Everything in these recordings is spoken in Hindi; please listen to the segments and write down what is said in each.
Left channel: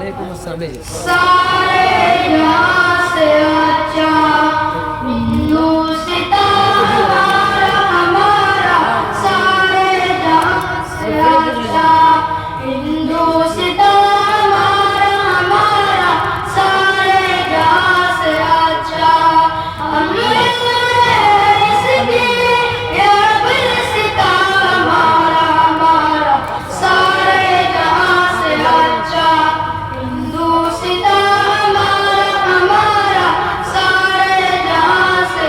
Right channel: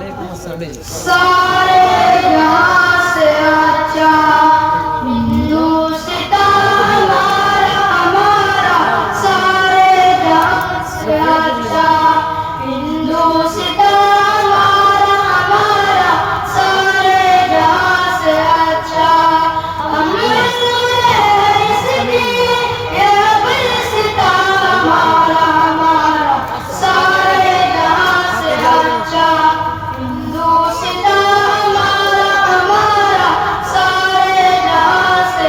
वालेकुम अस्सलाम। सारे जहां से अच्छा हिंदू सितारा हमारा, सारे जहां से अच्छा हिंदू सितारा हमारा, सारे जहां से अच्छा हम इसकी ये बिल सितारा हमारा, सारे जहां से अच्छा हिंदू सितारा हमारा, सारे जहां से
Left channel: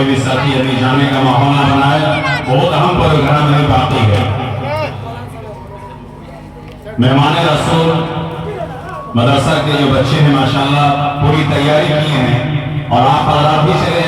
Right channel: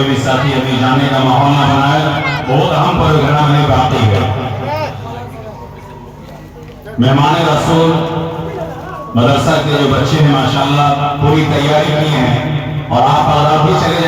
कोई भी साथी अपनी जाने का माहौल ना बनाए, बहुत अहम प्रोग्राम में बाकी है। मेहमान रसूल मदरसा के जो बच्चे हैं माशाल्लाह पूरी तैयारी की हैं, और आप भी चले